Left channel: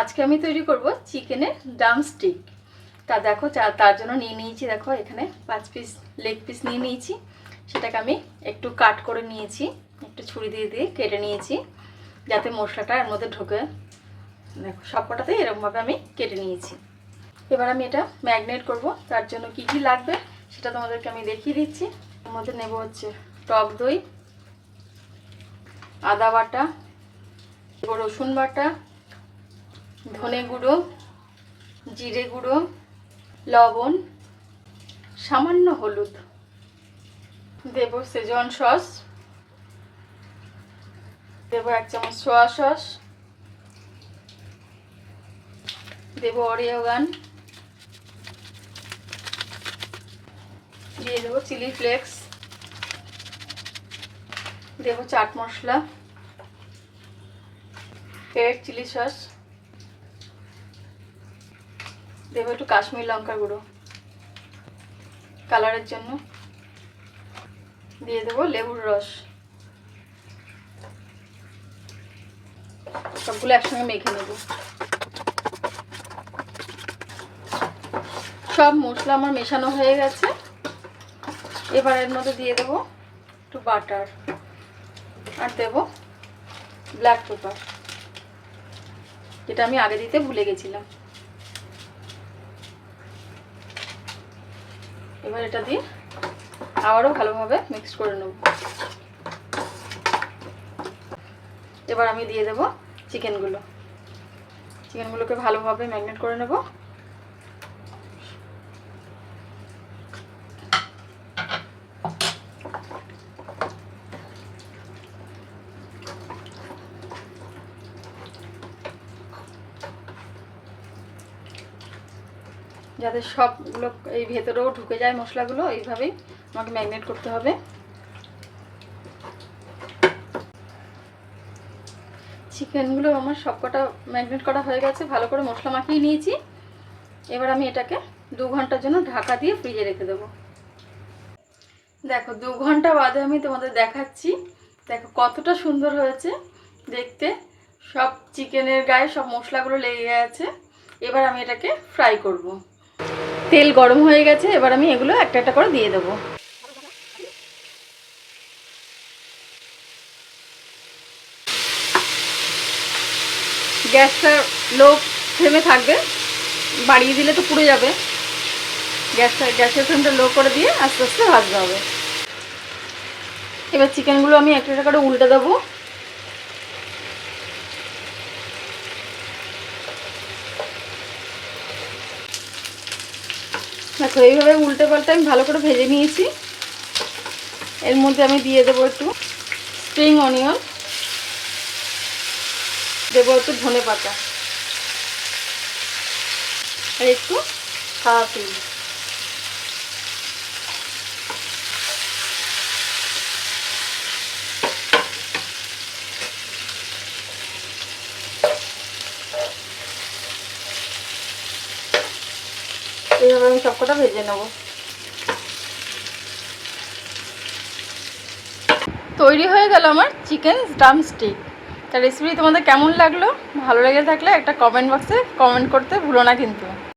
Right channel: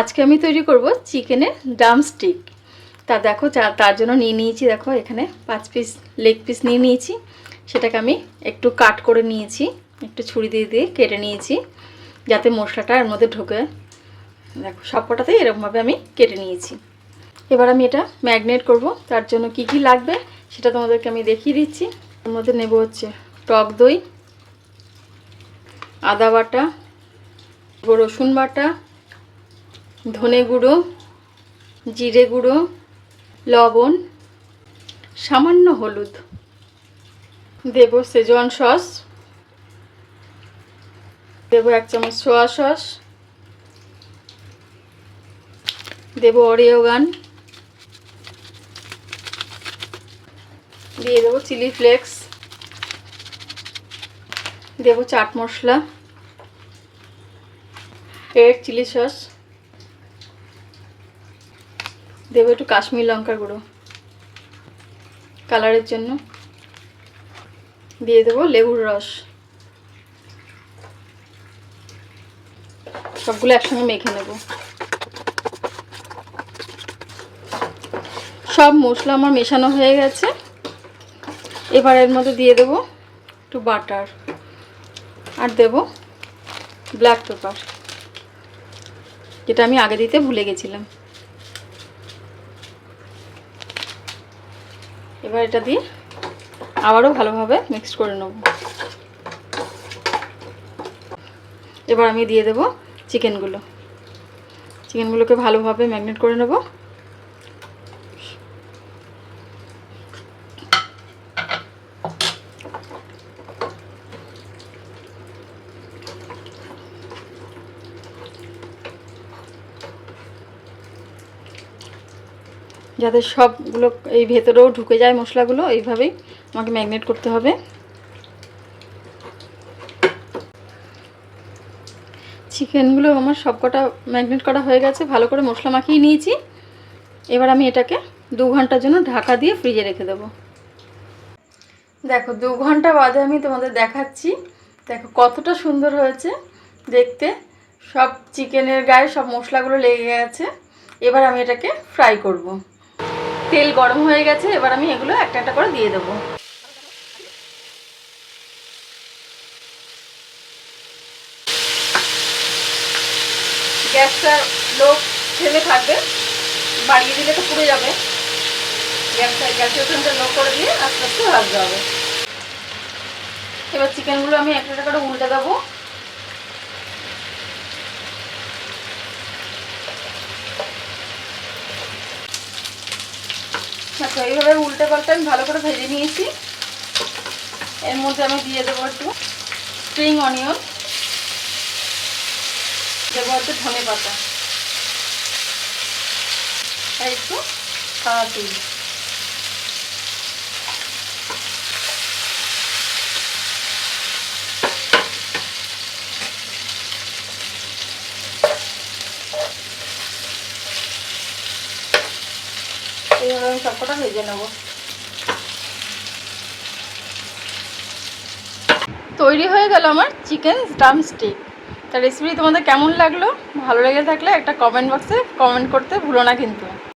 আজকে আমি তৈরি করব চিকেনের ড্রামস্টিক। তা দেখো তার জন্য নিয়ে নিয়েছি, দেখো এখানে 5 পিস লেগ পিস নিয়ে নিয়েছি। সেটাকে আমি একটু কাট করে নিয়েছি, একটু ছুরি দিয়ে দিয়ে কেটে নিয়েছি যাতে মশলাটা এর মধ্যে ঢোকে। দেখো সবকটাতেই এরকমভাবে আমি কেটে নিয়েছি। এবার আমি এটা ম্যারিনেট করব। তার জন্য কি কি লাগবে সেটা তোমাদেরকে আমি দেখিয়ে দিচ্ছি। এর মধ্যে নেব হচ্ছে টক দই, আদা বাটা, রসুন বাটা, ধনে গুঁড়ো, জিরে গুঁড়ো, লবণ, সামান্য হলুদ, দেব সেজওয়ান সস, দেব 1 চামচ সোয়া সস, দেব অরিগান, দিয়ে দেবো চিলি ফ্লেক্স, দেব chaat masala, red chilli sauce, দেব একটু কাশ্মীরি লঙ্কার গুঁড়ো কালারের জন্য, দিয়ে দেবো লেবুর রস। সবগুলো একসঙ্গে মেখে নেব। সব মশলা আমার মেশানো হয়ে গেছে। এবার এর মধ্যে দিয়ে দেবো একটু বাটার আর দেব ব্ল্যাক পেপার, যেটা আমি আগে দিতে ভুলে গেছিলাম। এবার এটা দিয়ে আবারও ভালোভাবে মিক্স করে নেব। এবার আমি দিয়ে দেব চিকেনগুলোকে ভালোভাবে ম্যারিনেট করে নেব। যাতে সবগুলো এই ভেতরেও ঢুকে যায় মশলাগুলো, এইভাবেই আমাকে ম্যারিনেট করতে হবে। চিকেনগুলো আমার সবকটা ম্যারিনেট করা হয়ে গেছে, ভালো করে মশলা মাখিয়ে নিয়েছি। এবার আমি এটাকে 2 ঘন্টার জন্য ঢাকা দিয়ে ফ্রিজে রেখে দেবো। দেখো 2 ঘন্টা বাদে আমি তোমাদের দেখাচ্ছি। দেখো কতটা সুন্দর হয়েছে দেখতে, সব চিকেনের গায়ে সব মশলাগুলো লেগে গেছে। এবার আমি এটাকে ফ্রাই করব। তেল গরম হয়ে গেছে, এবার আমি এগুলো একটা একটা করে দিয়ে দেবো। গ্যাসটা লো ফ্লেমে থাকবে, বাড়িয়ে দিলে তো পুড়ে যাবে। গ্যাসের ফ্লেমটা লো করে দিয়ে আস্তে আস্তে ভাজতে হবে। এবার চিকেনগুলো আমি একটা একটা করে উল্টে দেবো। দেখো এইভাবে উল্টে পাল্টে আমি ভালো করে ভেজে নিয়েছি। এর মধ্যে আমি দিয়ে দেবো একটু স্প্রিং অনিয়ন, দেবো একটু ধনে পাতা আর একটু সাদা তেল। এইভাবে আমি সবকটা ভেজে নেব। তৈরি হয়ে গেল আমার চিকেন ড্রামস্টিক। তার রেসিপি তোমাদের কেমন লাগলো? ভালো লেগে থাকলে একটা কমেন্ট বক্সে কমেন্ট করতে ভুলো না কিন্তু।